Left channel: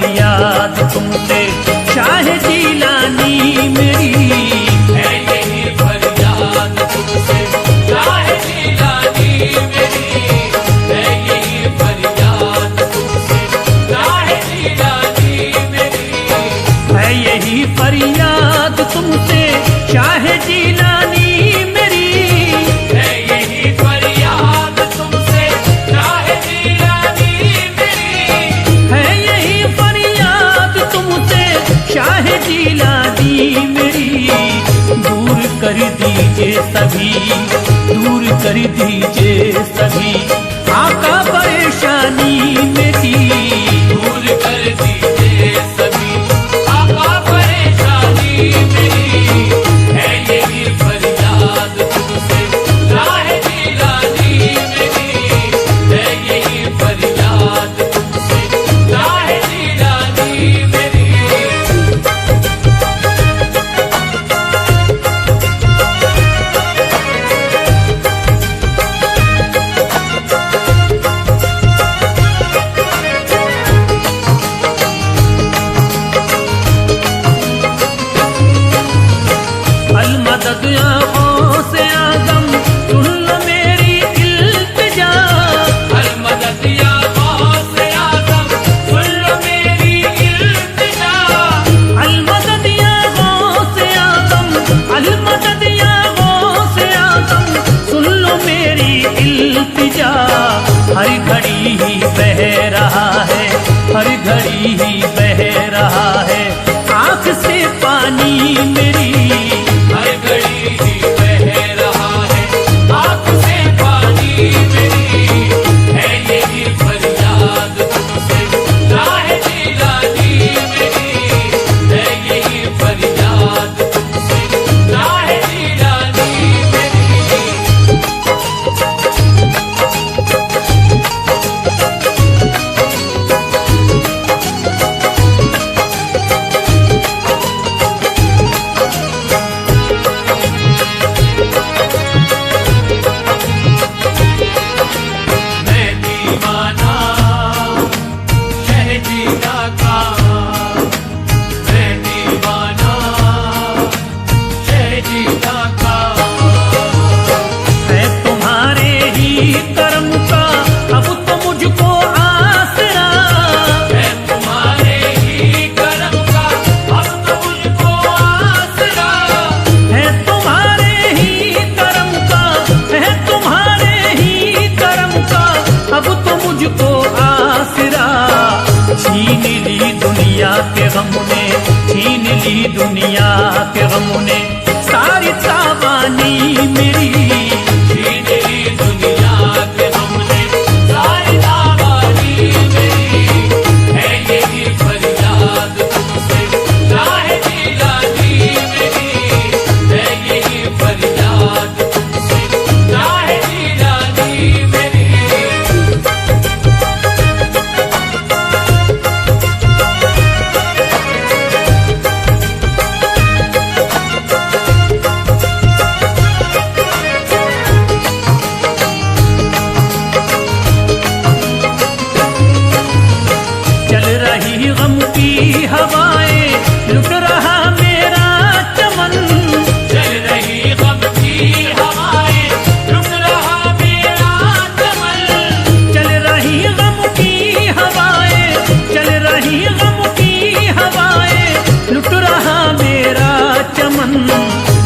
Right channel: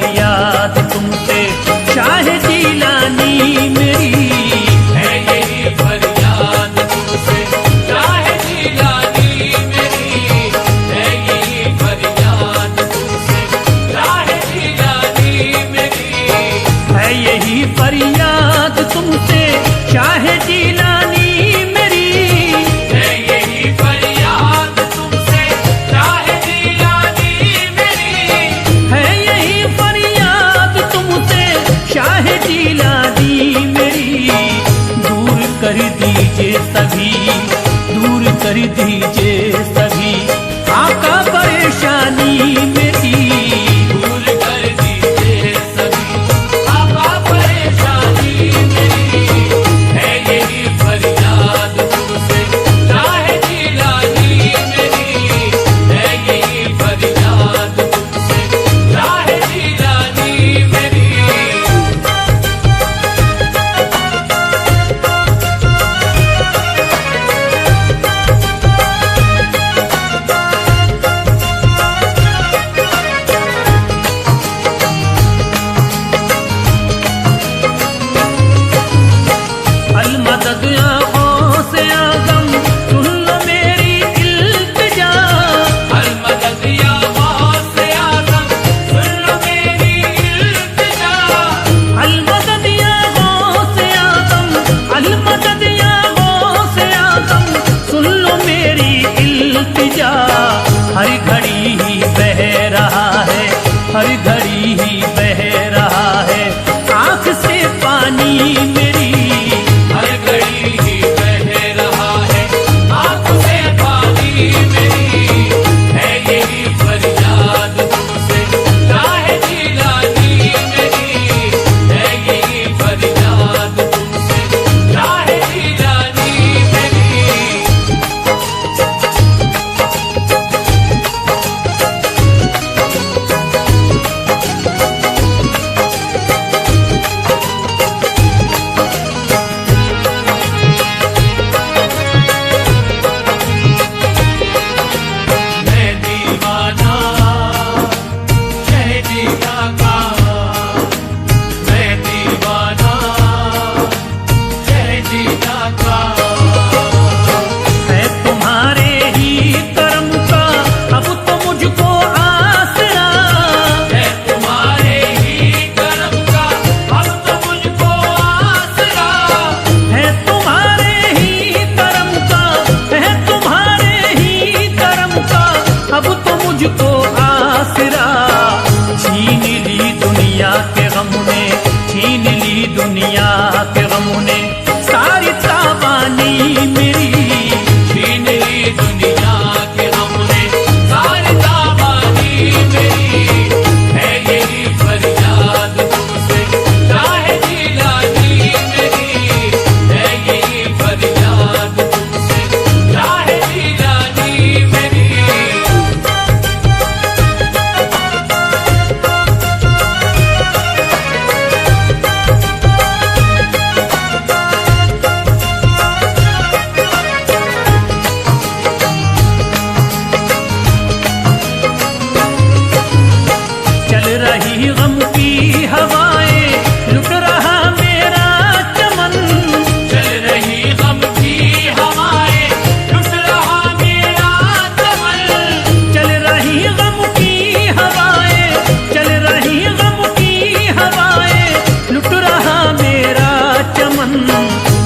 फरियाद तुमसे शाह जीलानी मेरी, है यही फरियाद तुमसे शाह जीलानी मेरी, है यही फरियाद तुमसे शाह जीलानी मेरी, है यही फरियाद तुमसे शाह जीलानी मेरी, है यही फरियाद तुमसे शाह जीलानी मेरी, है यही फरियाद तुमसे शाह जीलानी मेरी। दूर कर दीजिए सभी, दूर कर दीजिए सभी आका परेशानी मेरी, दूर कर दीजिए सभी आका परेशानी मेरी, है यही फरियाद तुमसे शाह जीलानी मेरी, है यही फरियाद तुमसे शाह जीलानी मेरी। अलमदद आँखों से आगम सुन लो मेरी इल्तिजा, अलमदद या गौस आज़म सुन लो मेरी इल्तिजा, अलमदद आँखों से आगम, अलमदद आँखों से आगम सुन लो मेरी इल्तिजा। हर घड़ी ही बह रहा है, हर घड़ी ही बह रहा है आँख से पानी मेरी, हर घड़ी ही बह रहा है आँख से पानी मेरी, है यही फरियाद तुमसे शाह जीलानी मेरी, है यही फरियाद तुमसे शाह जीलानी मेरी। मैं दीवाना शह जीना का, मैं दीवाना शह जीना का, है तुम्हारे ही कर्म का अब तो मुझको आसरा, है तुम्हारे ही करम का अब तो मुझको आसरा, है तुम्हारे ही कर्म का, है तुम्हारे ही कर्म का अब तो मुझको आसरा। छीन ली दुनिया के गम ने, छीन ली दुनिया के गम ने सारी तावानी मेरी, छीन ली दुनिया के हमने सारी तावानी मेरी, है यही फरियाद तुमसे शाह जीलानी मेरी, है यही फरियाद तुमसे शाह जीलानी मेरी। चल रही गम की हवाएं लुट रहा मेरा चमन, चल रही गम की हवाएं लुट रहा मेरा चमन, चल रही गम की हवाएं, चल रही गम की हवाएं लुट रहा मेरा चमन।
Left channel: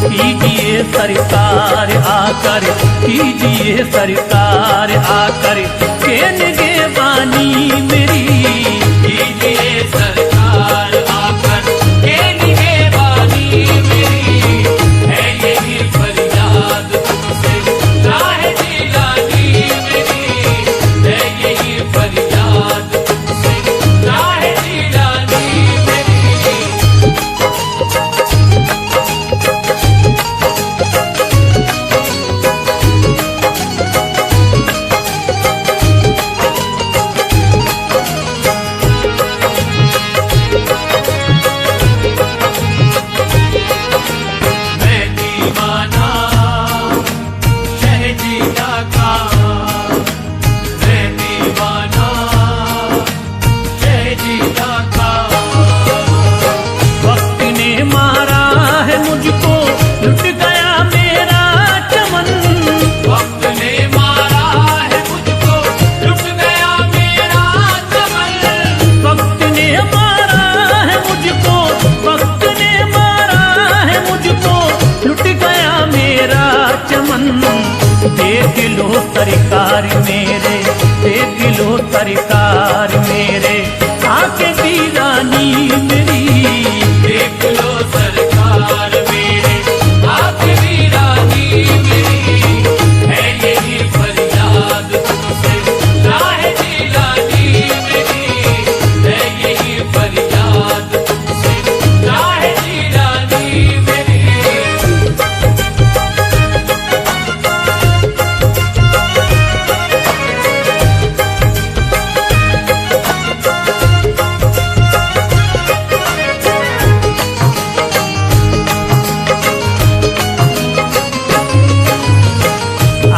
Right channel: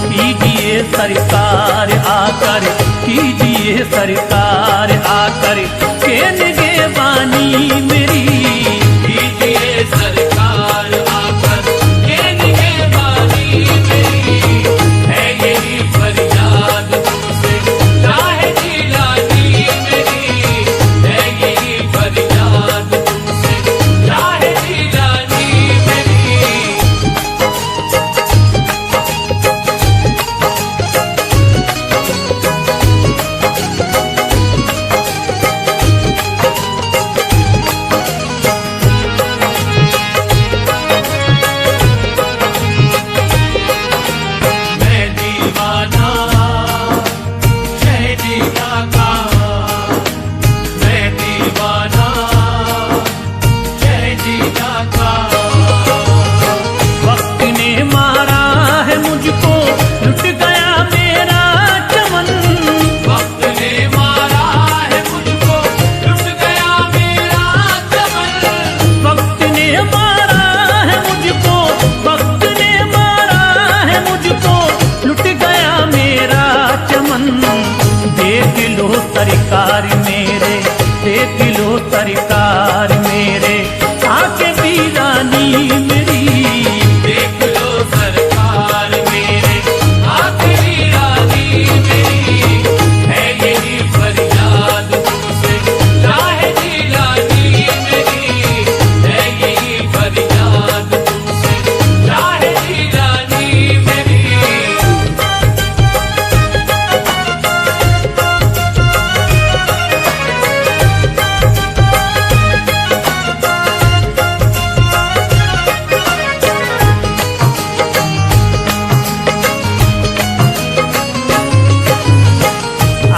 कीजिए सरकार आकर, कीजिए सरकार आकर के निगहबानी मेरी, कीजिए सरकार आकर ये निगहबानी मेरी, है यही फरियाद तुमसे शाह जीलानी मेरी, है यही फरियाद तुमसे शाह जीलानी मेरी। मेरे, देख लो सरकार मेरे, आके वीरानी मेरी। देख लो सरकार मेरे, आके वीरानी मेरी, है यही फरियाद तुमसे राह जिलानी मेरी, है यही फरियाद तुमसे राह जिलानी मेरी।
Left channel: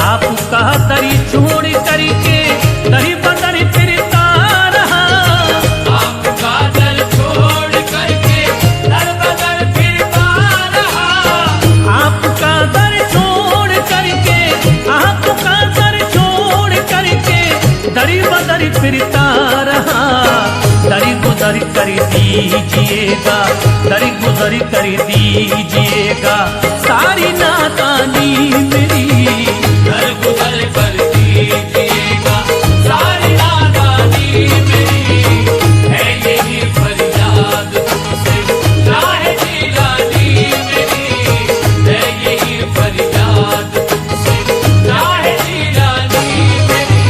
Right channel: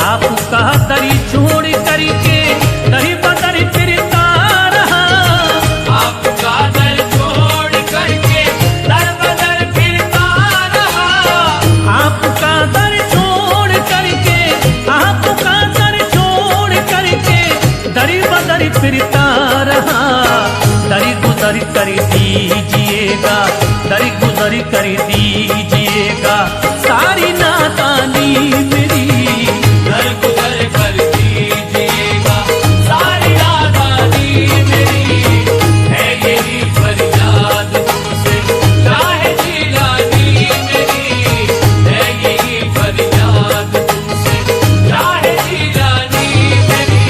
आपका दरी छोड़ करके दरी बदरी फिरता रहा, आपका दर छोड़ करके दर बदर फिरता रहा, आपका दर छोड़ करके, आपका दर छोड़ करके दरी बदरी फिरता रहा। दरी गुदरी कर दीजिएगा, दरी गुदरी कर दीजिएगा सारी नादानी मेरी। दर गुदर कर दीजिएगा सारी नादानी मेरी, है यही फरियाद तुमसे राह जिलानी मेरी, है यही फरियाद तुमसे राह जिलानी मेरी।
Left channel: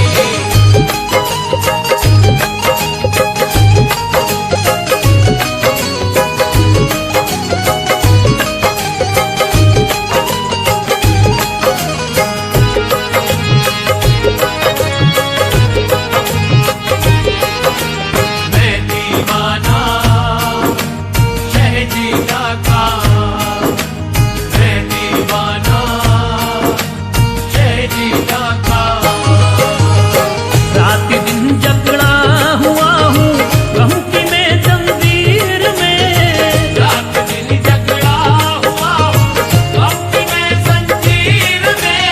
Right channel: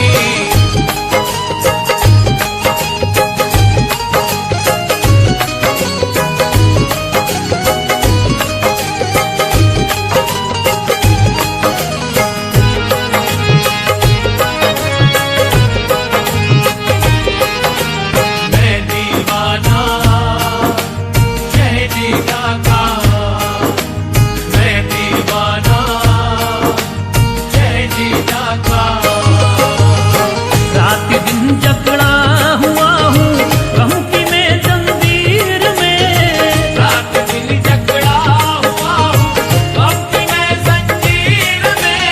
मैं दीवाना शहजीदा का, मैं दीवाना शहजीदा का। रात दिन जकड़ा हुआ हूँ कहूँ कि मैं जंजीर में, रात दिन जकड़ा हुआ हूँ अब की मैं जंजीर में,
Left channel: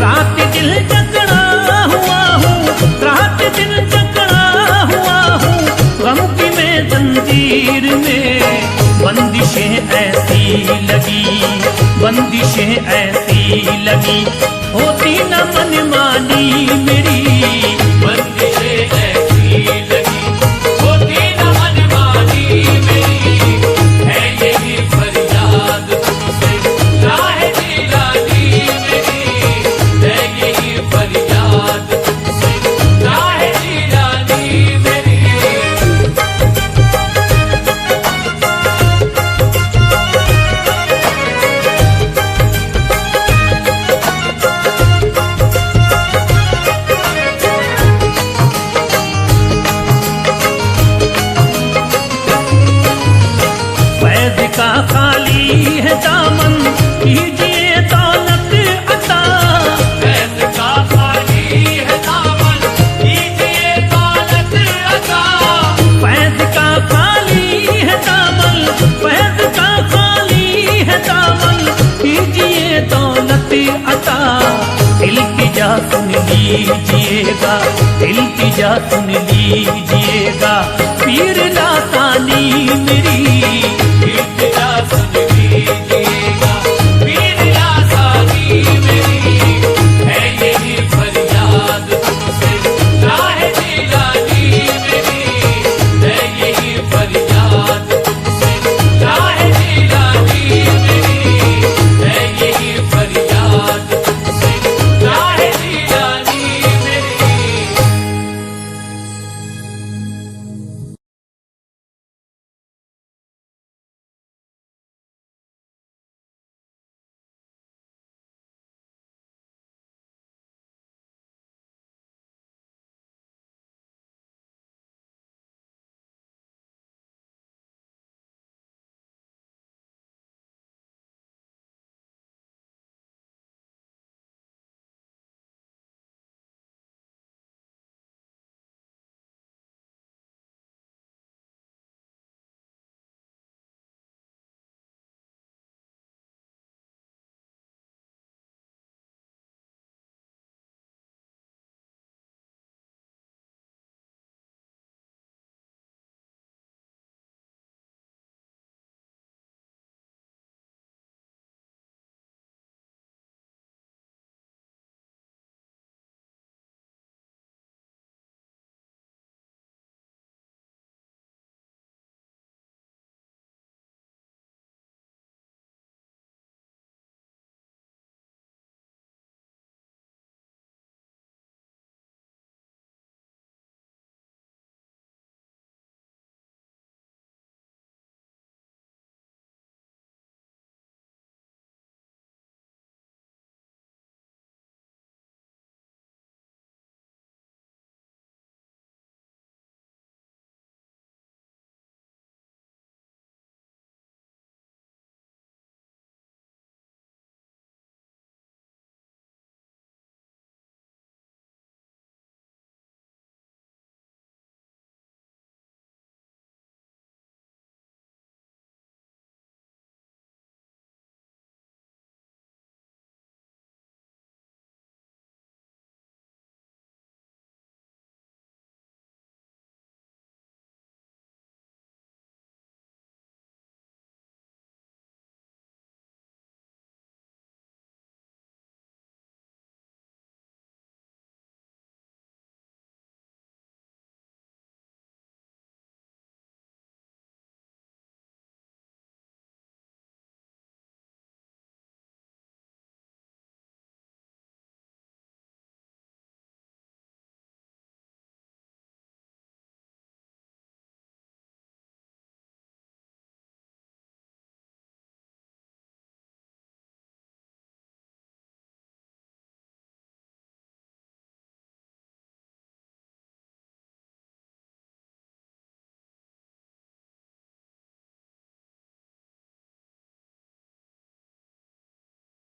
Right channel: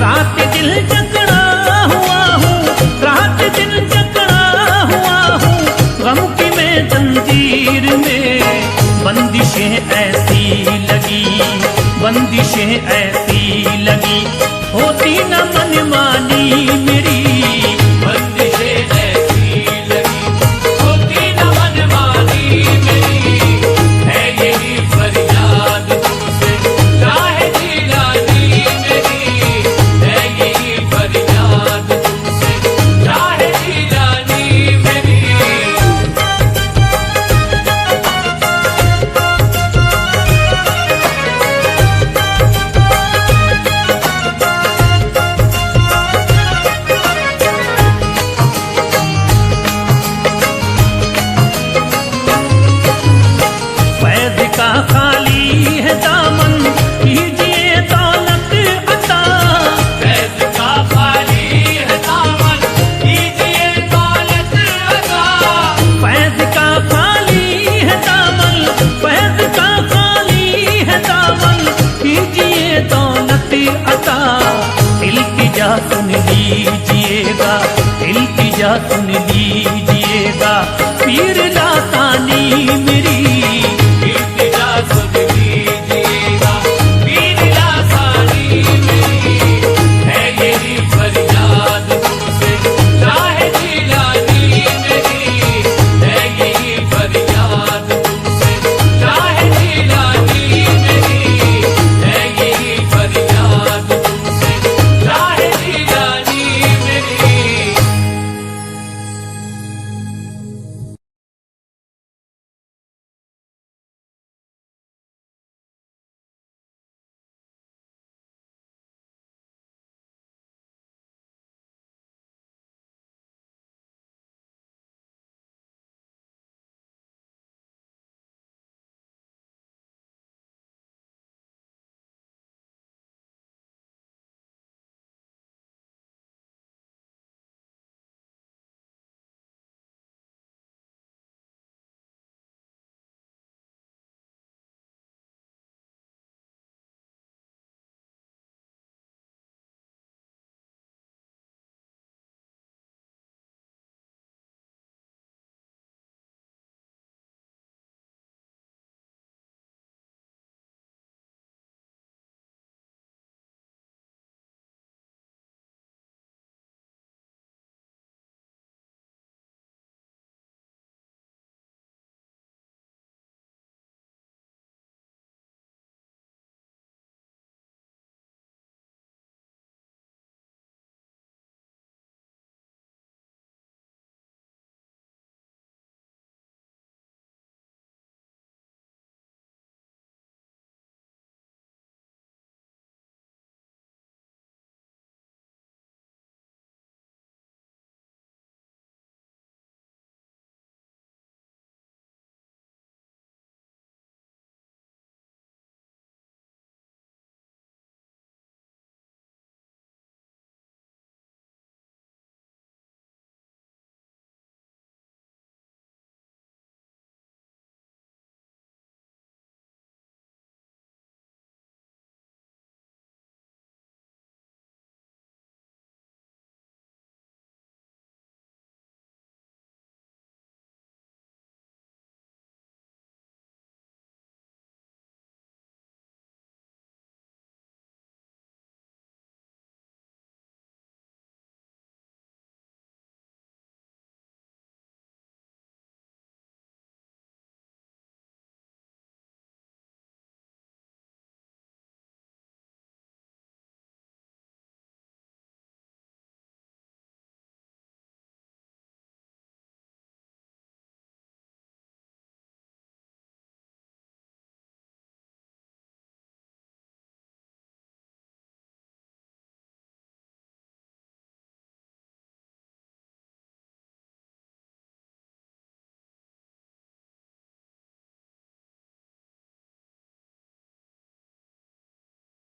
रात दिल जकड़ा हुआ हूँ, रात दिन जकड़ा हुआ हूँ गम की मैं जंजीर में। बंदिशें ऐसी लगी, बंदिशें ऐसी लगी होती न मनमानी मेरी। बंदिशें ऐसी लगी होती न मनमानी मेरी, है यही फरियाद तुमसे राह जिलानी मेरी, है यही फरियाद तुमसे राह जिलानी मेरी। फैज का खाली है दामन कीजिए दौलत अता, फैज का खाली है दामन कीजिए दौलत अता, फैज का खाली है दामन, फैज का खाली है दामन कीजिए दौलत अता। इल्तिजा सुन लीजिएगा, इल्तिजा सुन लीजिएगा पीर लासानी मेरी।